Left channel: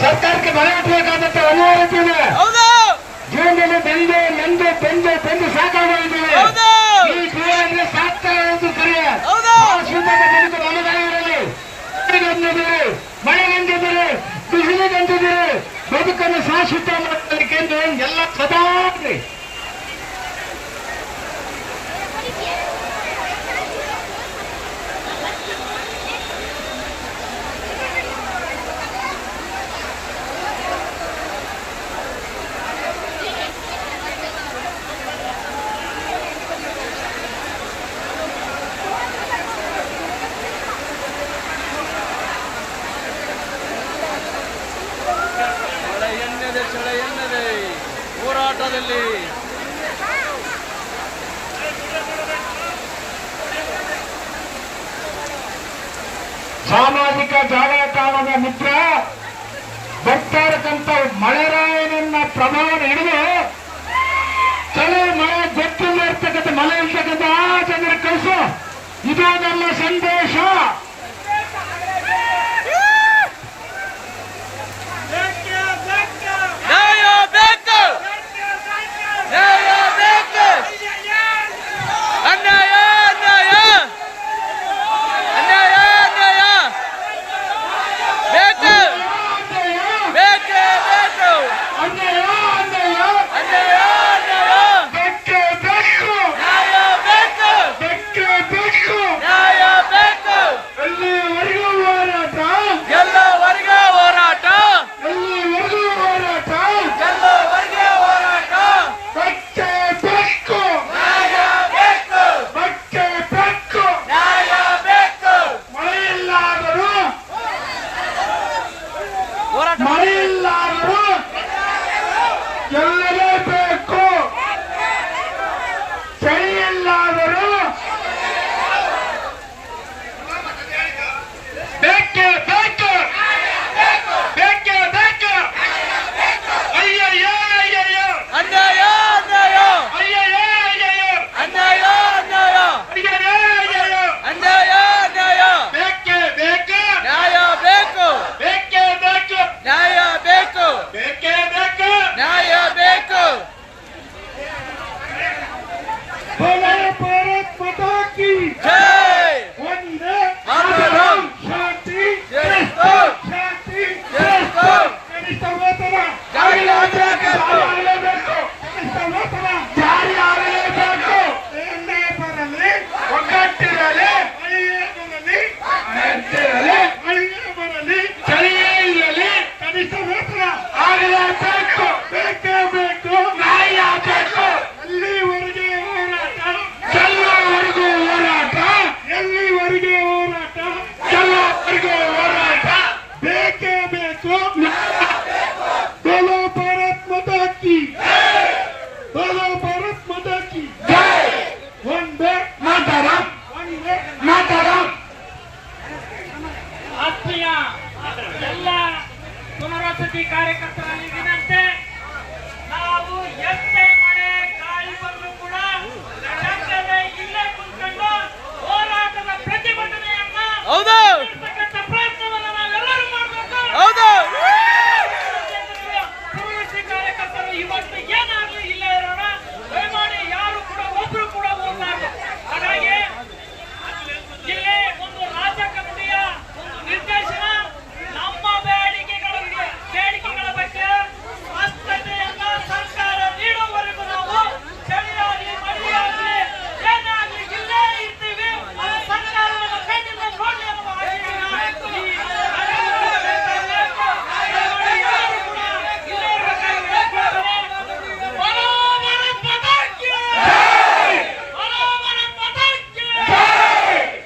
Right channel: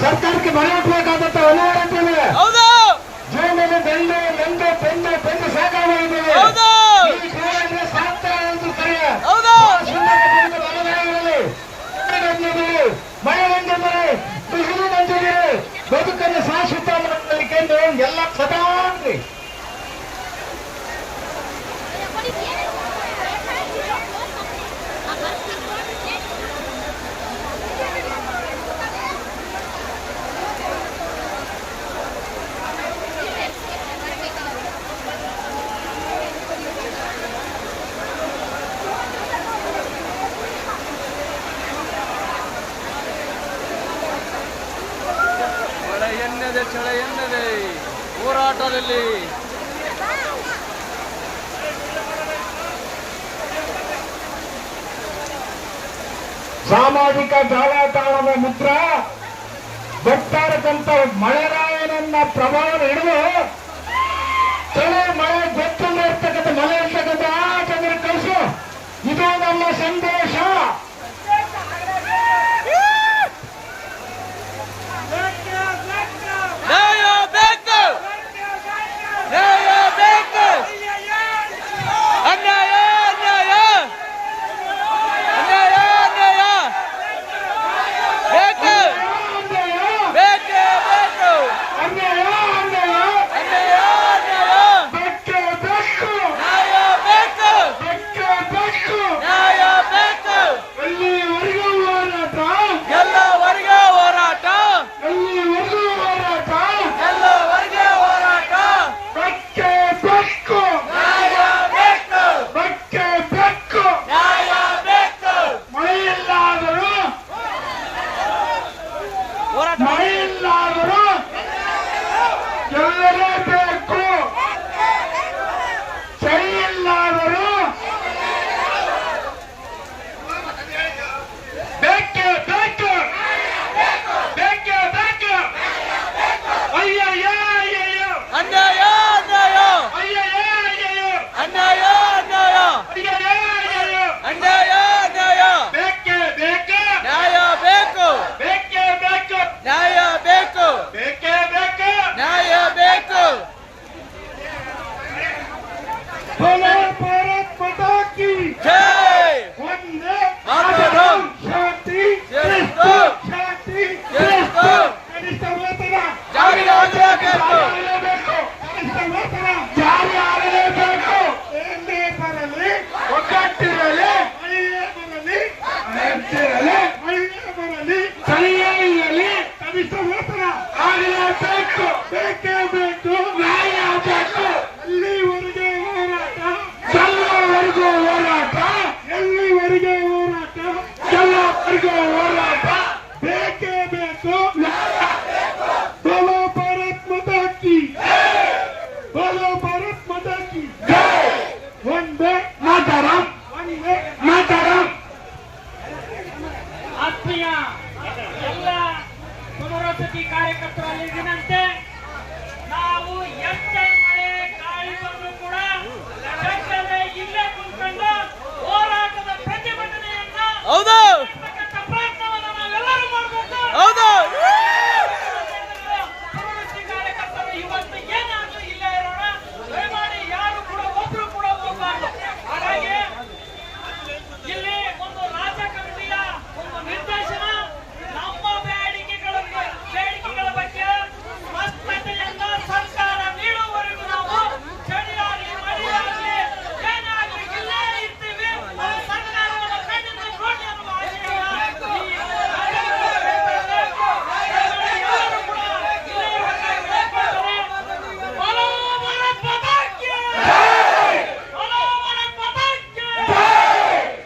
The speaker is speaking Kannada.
ಸರ್ಕಾರಕ್ಕೆ ಮಳೆ ಹುಟ್ಟಬೇಕಾದಂತ ಅನಿವಾರ್ಯತೆ ಹೌದು. ಜೀವನದಲ್ಲಿ ಬೆಂದು ನಂದು ಬೆಂದು ಬೆಂದು ಸಾಕಾಗಿದ್ದೇವೆ. ಹೌದು. ಸಾಕ್ತಾ ಇರೋದು ಕರಿಯ ಹೌದು. ಮಳೆಗಂದಿದ್ದಾರೆ, ಬಿಸಿಲಿಗಂದಿದ್ದಾರೆ, ಬದುಕನ್ನು ಶಾಶ್ವತ ಮಾಡಲಿಕ್ಕೆ ಎಲ್ಲ ಸದಾ ಚಳ ಎನ್ನದೆ ಹೋರಾಟದಲ್ಲಿ ಸಾಮಾಜಿಕ ಜಾಲತಾಣದ ಮಿತ್ರ ಬರ್ತಾ ಇರತಕ್ಕಂಥ ಮಳೆರಾಯನನ್ನ ಪ್ರಭಾವ ಹಿಡಿದು ಕೆಲವು ಮಳೆ ಗೊತ್ತಿಲ್ಲ ಇರ್ತಕ್ಕಂಥ ಮಳೆ ಇರ್ತಕ್ಕಂಥ ಆ ಜನರ ಕೆಲಸ ಇದು ನಮ್ಮ ಸಂದೇಶ. ಮಳೆಯಿಲ್ಲಾದರೂ ಗೆಲ್ಲಲೇಬೇಕು, ಚಳಿಯಿಲ್ಲಾದರೂ ಬೇಕೇ ಬೇಕು, ಬೇಕೇ ಬೇಕು. ಅಯ್ಯಯ್ಯೋ ಅಯ್ಯಯ್ಯೋ ಅನ್ಯಾಯ ಅನ್ಯಾಯ ಅಯ್ಯಯ್ಯೋ ಅಯ್ಯಯ್ಯೋ ಅನ್ಯಾಯ ಅನ್ಯಾಯ ಅಯ್ಯಯ್ಯೋ ಅಯ್ಯಯ್ಯೋ ಅನ್ಯಾಯ ಅನ್ಯಾಯ ಬೇಕೇ ಬೇಕು, ನ್ಯಾಯ ಬೇಕು, ಬೇಕೇ ಬೇಕು, ನ್ಯಾಯ ಬೇಕು, ಬೇಕೇ ಬೇಕು, ನ್ಯಾಯ ಬೇಕು. बोलो भारत माता की जय. वंदे मातरम. शांति जयस्तु. शांति जयस्तु. कनिष्ठ ವೇತನ ಜಾರಿ ಆಗಲೇಬೇಕು, ಕನಿಷ್ಠ ವೇತನ ಜಾರಿ ಆಗಲೇಬೇಕು. ಎಲ್ಲೇ ಬರಲಿ ಒಗ್ಗಟ್ಟಿರಲಿ, ಮಳೆಯೇ ಬರಲಿ ನೆಂಟಿರಲಿ, ಮಳೆಯೇ ಬರಲಿ ಚಳಿಯೇ ಇರಲಿ, ಕನಿಷ್ಠ ವೇತನ ಆಗಲೇಬೇಕು, ಬೇಕೇ ಬೇಕು, ನ್ಯಾಯ ಬೇಕು. ಎಲ್ಲಿವರೆಗೆ ಹೋರಾಟ, ಗೆಲ್ಲುವವರೆಗೆ ಹೋರಾಟ, ಎಲ್ಲಿವರೆಗೆ ಹೋರಾಟ, ಗೆಲ್ಲುವವರೆಗೆ ಹೋರಾಟ, ಬೇಕೇ ಬೇಕು. बोलो भारत माता की, बोलो भारत माता की जय. वंदे मातरಂ, वंदे मातರಂ. ಆತ್ಮೀಯ ಎಲ್ಲ ಪುನರ್ವಸತಿ ಕಾರ್ಯಕರ್ತರಲ್ಲಿ ವಿನಂತಿ, ನಾವು ಎಷ್ಟೇ ಮಳೆ ಗಾಳಿ ಬಂದರೂ ಕೂಡ ಇಲ್ಲೇ ಕುತ್ಕೊಂಡು ಹೋರಾಟದ ಪ್ರತಿಭಟನೆಯನ್ನ ಹೌದು.